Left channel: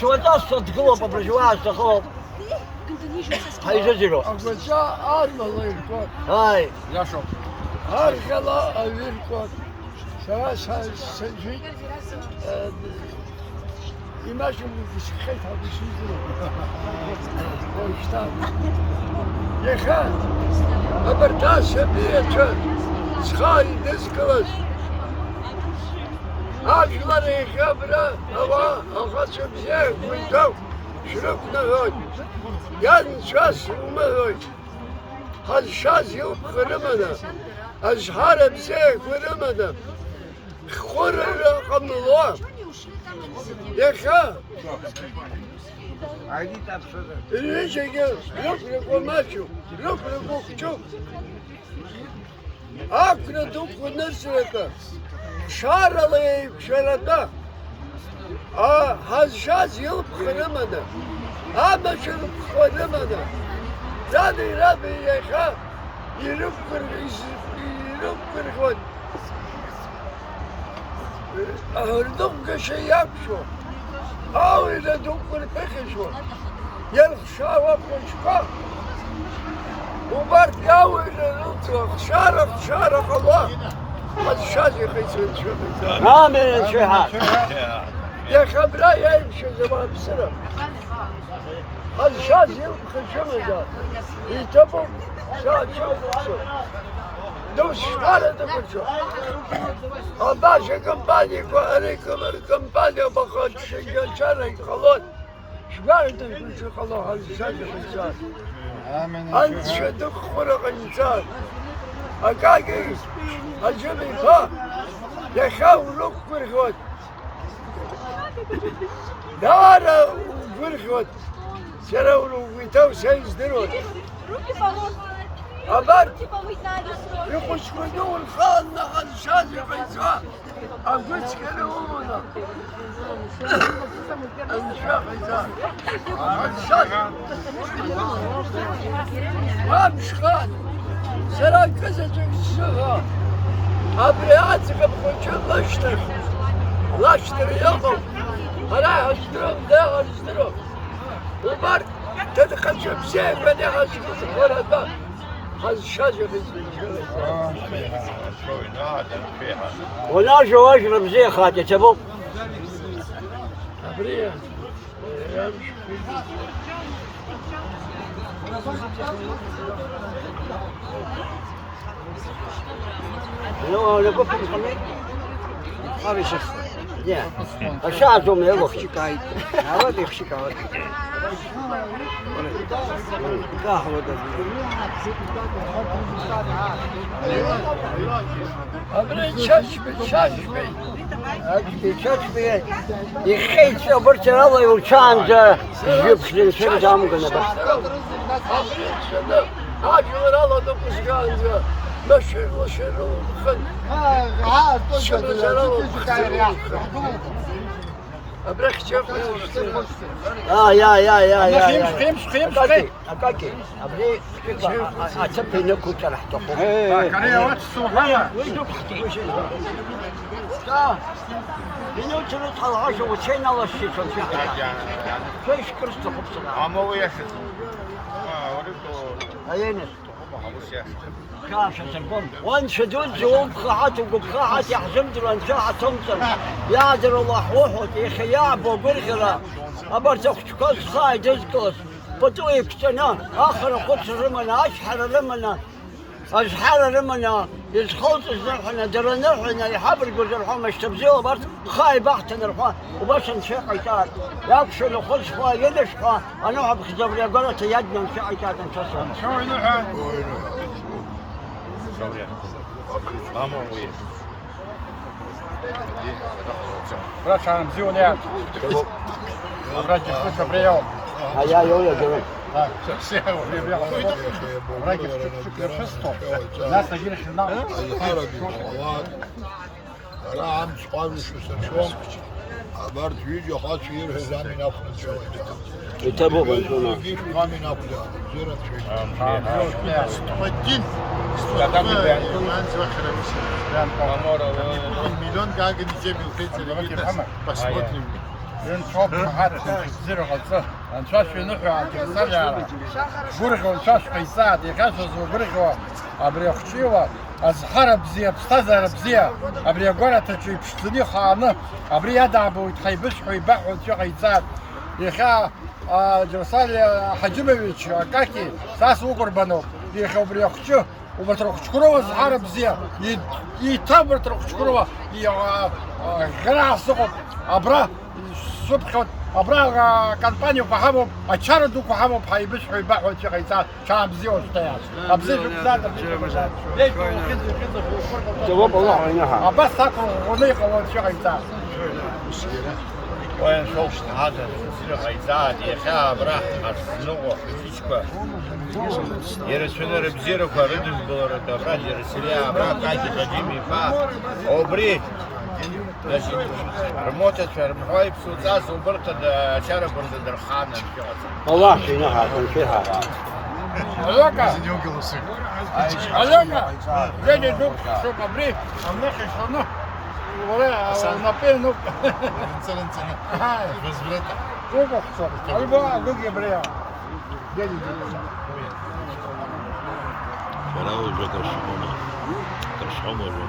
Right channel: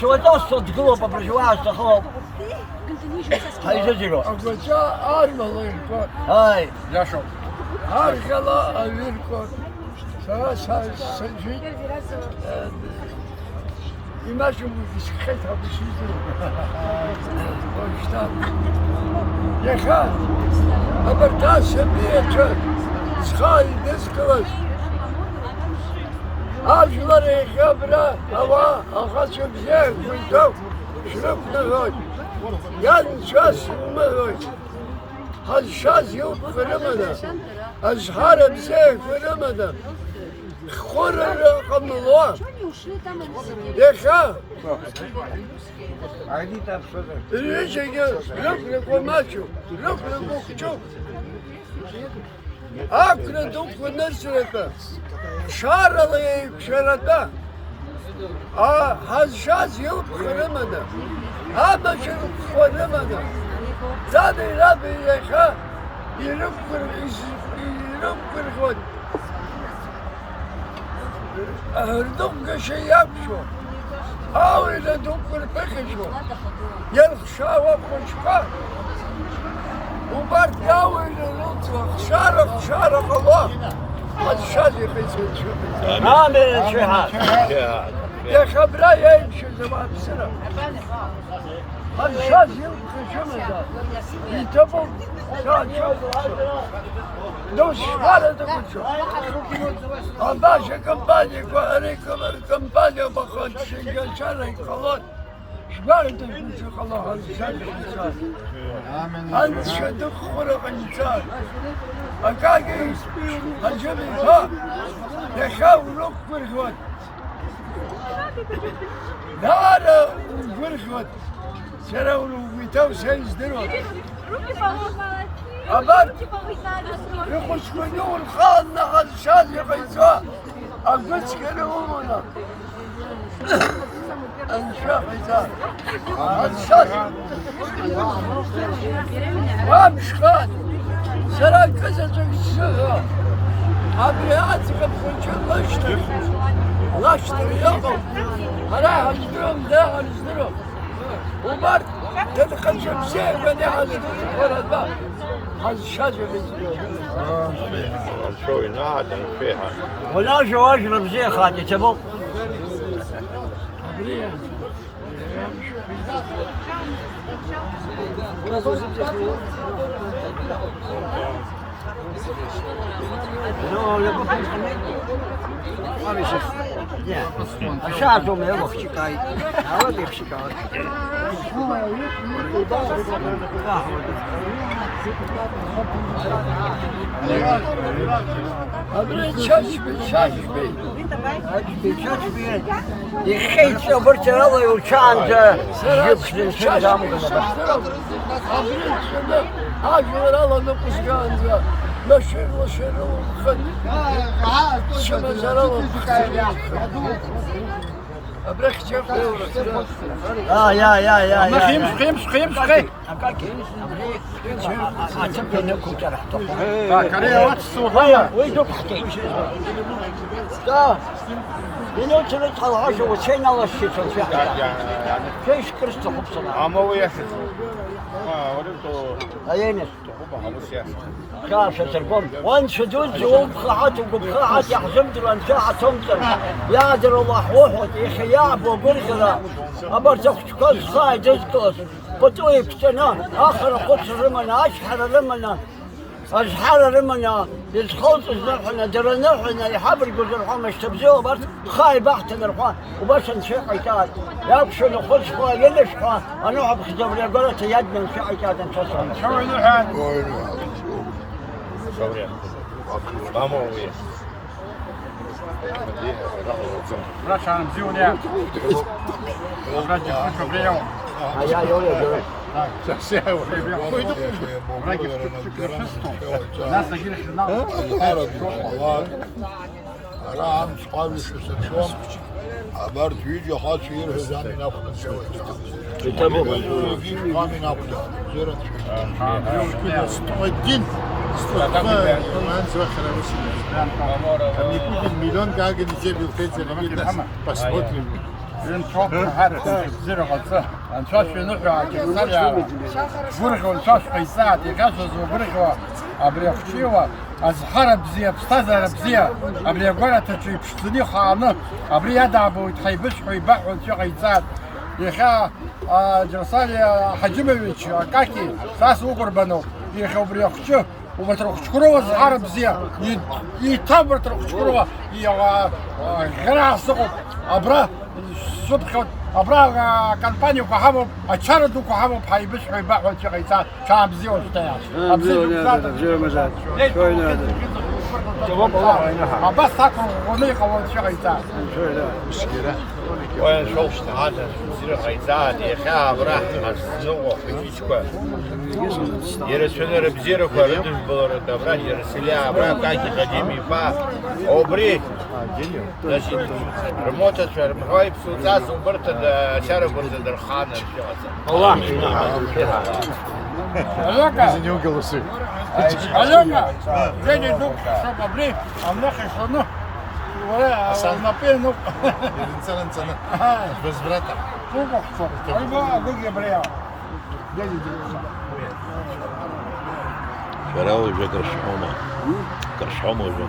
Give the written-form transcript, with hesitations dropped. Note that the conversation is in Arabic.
شو تصد قلوب برجواز تخوف هاي جزيرو أقول جاء أرمى الله يركض هاي لا شوف هارك الله يركض سجي يمشي بسكيتها بسيدرو واشتاق يا خال أبرتاس بيتك سخاي نسكلس أجلر خبرة هوا أخذ بزيك ويتو شرب نغوي يان شاس مغوي هالشاس يوم فرمنا أزهار بزيك فرمنا خور رقم الله يا خال ليش يقول لك وماشو لك وكتب أكل دوك ونسرته شار الله شرته هالشاز يلب خرمنا ما شرب خرمنا زادي ربي يا خال يربكر خود هردوك شيء يبشو أو إذا دوكر بخشو يلخ شاوة بخشقا وبرد قاوي لنطلق شارق الله هذا الشاذي خيسون شو نعم شهاد يا خبرا يمشي زمان بسنة هذا الشاذي يلقى شمزة يتبق شاد شو دوش حالة تقصى أباشا كمباني كوهري كمباني بخد شنجل شارك خلاص شباري تقول شو خلاص هذا الشاذي خيسان أنت شدق خلق الإنسان أكاكي الجميل ها يخاولوك برخوت دارا وبرخوت سراولو ويتاو سيز دروت أبارت يخش كدو الخال نحل شاد يقيسا أقلس كنومنا وامش خال سرا كزتك الشغا أبرياتك بخوش لاشتر يقو هلا هجدرهم ده هجدرهم وبرد تدخل شمسين بني هجدرهم ولا الباب هذا الشجر ولا شو أشرب زي خاتي تبو أبريا يمشي لو يبقى الشعب يوم يبقى أبريا شاشبي يخيط صبرت الله يوشان أبريا شده هاجر الله نقص كانزا مشي وشر وخد شمزر أبريك شيخ يا خيمس أكاكي أبريك أتبني نكو ترى تقوم كريه السوقية ويدك ختي إنه تلت العشاء وشينا الله الشيء كيش كرست حب عمو يشد أين كاسة البن وانشدوا زوم خاعات وبخاعات يحزمت الانشاعة تمثل يادر الله وحوت يخياب وقرقرة أبرتك كوز خاي دزكوز بطوي كتنا آخر قدس رمنا أشحر رمنا أشحر رمنا يسخوط الزرحنا درنرحنا يحبر قزرحنا مشتبزيو بس خاي بحت نرحنا وبس نشيح عتاد يابشو نخلص فا يلشفا أنا أحب خزبر يقولت يدنا نشيح عتاد نتصوم شو يلوحان ولا شان مزيون يا الرجل كل بريوم يا يويا جري أنا عم صحابي شو سنشوم عبرت فيديو حاط فيه هزامي ناخذ شوي كتابه يجيب قامي ناخذ زيرت شيء الدين مليون قاعد نجيب الفيز اللي بس بين شوط حد زر غلطة أن شاش في نفع جسر يا برخ وشاش قيسات يخشوا وبرخ أبري خشيوا از حرب زي بستزر بزي أبري قولة تجي بشتني خانة أبري يدعبوا يتحيبش ويبحوا شو قيسات يخا جرسال حجمويتش كاكي ساس وقربانو يخا أبري خشوا وبتروح تشكروا زهار بزيا يتابر تروح تشكروا غير السقط أبرا الصبح أبرا كامبانيو كهامو أشاردو كهامو بحيبش ويبيعوا شيء غيثات شام بزيا وشتايا أبزيا بزاد ليش بس تاكل غنيقة وشيء غيثات وين شوف هذا زير غيثات يخا أبرا حسنو خديشكوا يرسلنا بزيرو كاردوس بلور دبرا يرسليا أبرا كايتي قديمي فا أوبري значит работать هاي بسوتاز وبرت شارع برز درخانة الله ألوكا ألوكا جاي دوك شوف أبري أملاخي شنو ولا نبينو سنة هاي بس برتا كوكو شوف أيوة أقول يا بريا جاي شراوي جا كرشحومة جا